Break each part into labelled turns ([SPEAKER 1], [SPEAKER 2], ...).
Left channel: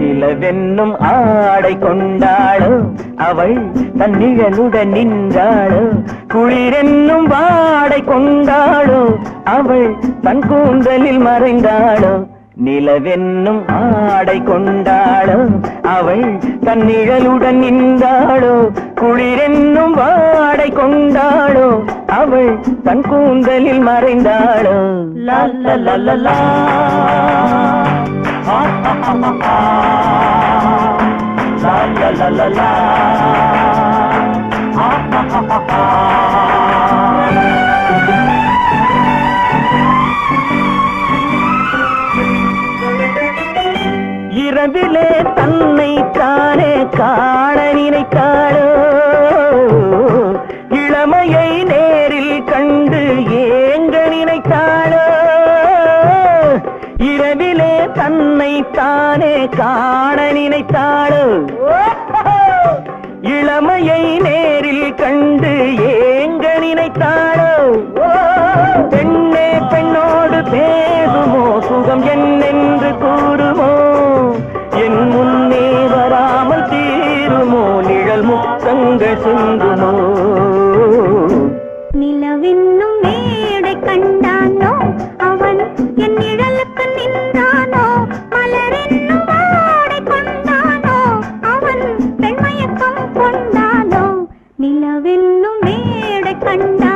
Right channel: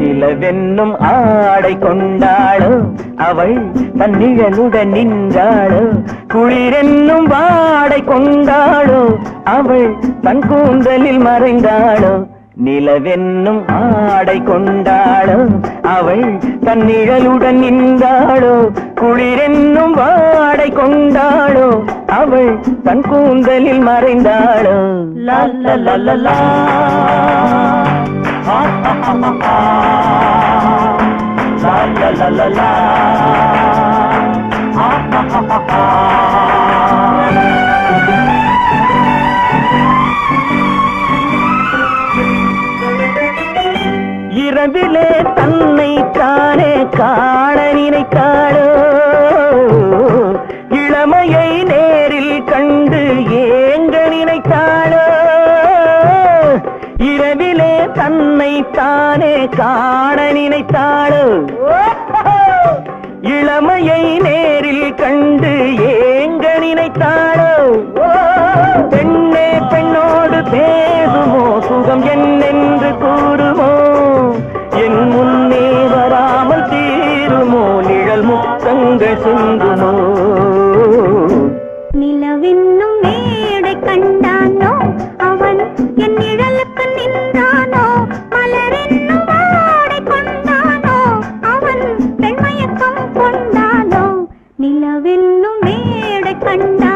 [SPEAKER 1] நிலவென்னும் ஆடை கொண்டாளோ அவள் தன்னிழனுடன் நின்றாளோ குளிரென்னும் வா அவள் தன் கூந்தலில் மறைந்தாளோ? நிலவென்னும் ஆடை கொண்டாளோ? அவள் தன் நிழலுடன் நின்றாளோ? குளிரென்னும் வாடை கொண்டாளோ? அவள் தன் கூந்தலில் மறைந்தாளோ? லல்லா லா la la la la. இரவிலே தன்னை தானே காண நினைத்தாள்? இளமையை நேரில் கண்டு ஏங்க நினைத்தாள்? பெண்ணே பெண்ணோடு பேசுமோ? சுகம் என்னென்று கூறுமோ? என் முன்னே வராமல் தீருமோ? நிழல் முத்தங்கள் சிந்துமோ
[SPEAKER 2] மேடை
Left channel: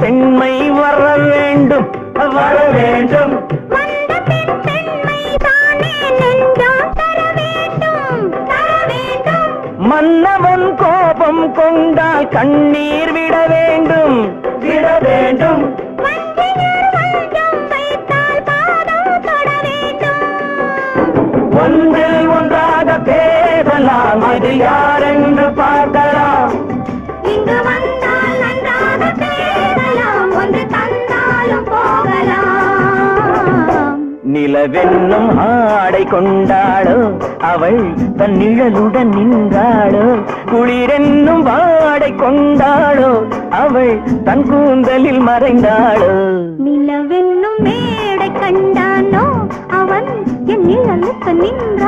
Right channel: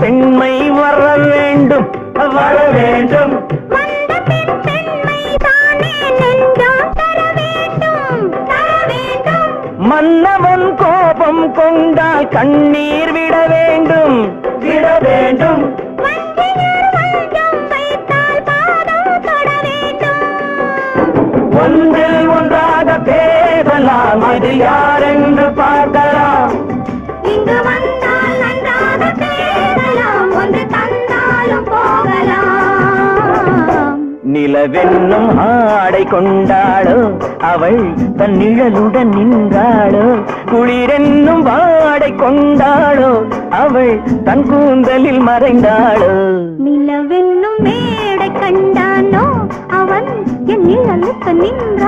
[SPEAKER 1] பெண்மை வர வேண்டும். வர வேண்டும். மன்னவன் கோபம் கொண்டால் கண்ணீர் விட வேண்டும். விட வேண்டும். ஒன்றில் ஒன்றாக பேசலாம் அது யார் என்று
[SPEAKER 2] இங்கு
[SPEAKER 1] நிலவென்னும் ஆடை கொண்டாளோ அவள் தன் நிழலுடன் நின்றாளோ குளிரென்னும் வாடை கொண்டாளோ அவள் தன் கூந்தலில் மறைந்தாளோ.
[SPEAKER 2] நிலவென்னும் மேடை கண்டானோ அவன் என் நிழலுக்கு நின்ற